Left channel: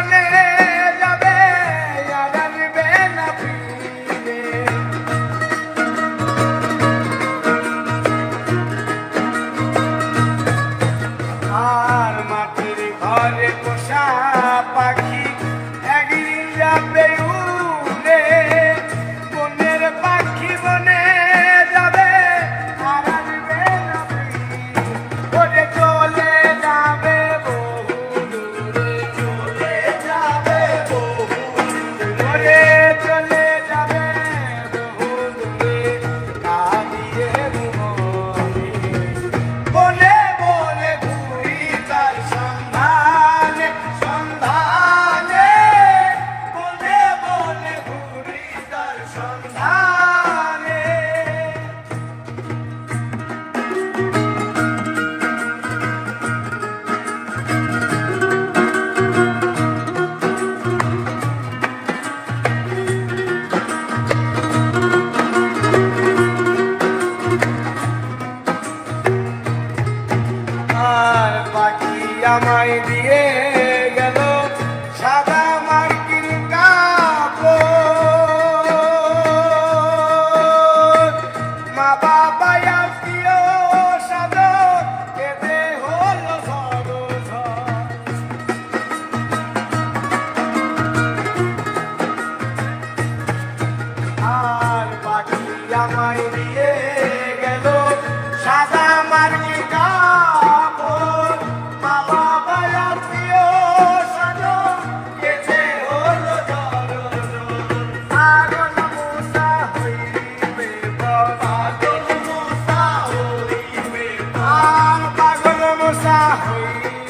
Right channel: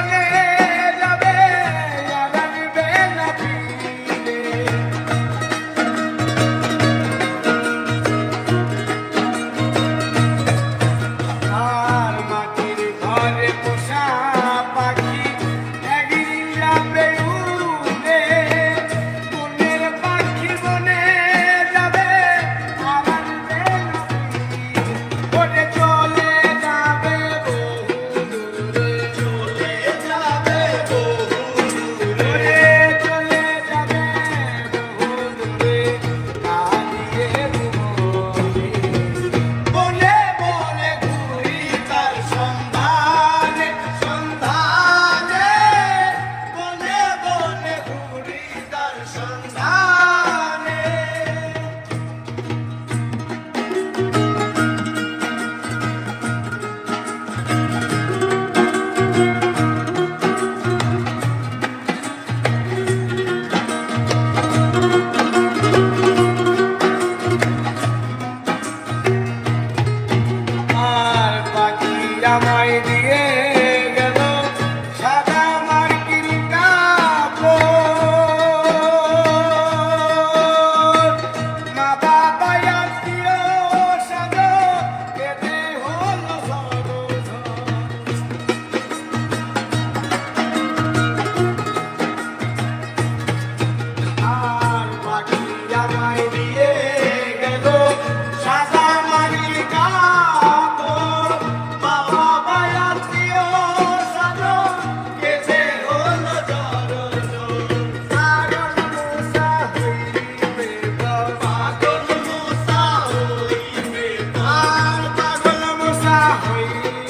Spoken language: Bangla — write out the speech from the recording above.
বনে যাবে আর আনবে না ফিরে। আর মাটির ঘরে পোষা পাখি একদিন যাবে উড়ে, বনের পাখি বনে যাবে আর আনবে না ফিরে। ওরে চলে যাবে বহু দূরে, চলে যাবে বহু দূরে, চলে যাবে বহু দূরে, কাঁদিয়ে মরি। বনে বনে ঘুরি তার সন্ধানে, সন্ধানে, বনে বনে ঘুরি তার সন্ধানে। আর পাখি আমায় দিয়ে গেল সাদা মার্কিন কাপড়, মা বাবা আত্মীয় সাদর কেঁদে হলো ঝড়। আর পাখি আমায় দিয়ে গেল সাদা মার্কিন কাপড়, মা বাবা আত্মীয় সাদর কেঁদে হলো ঝড়। পাগল মুসা হইবে পাগল মুসা হইবে, আর পাগল মুসা হইবে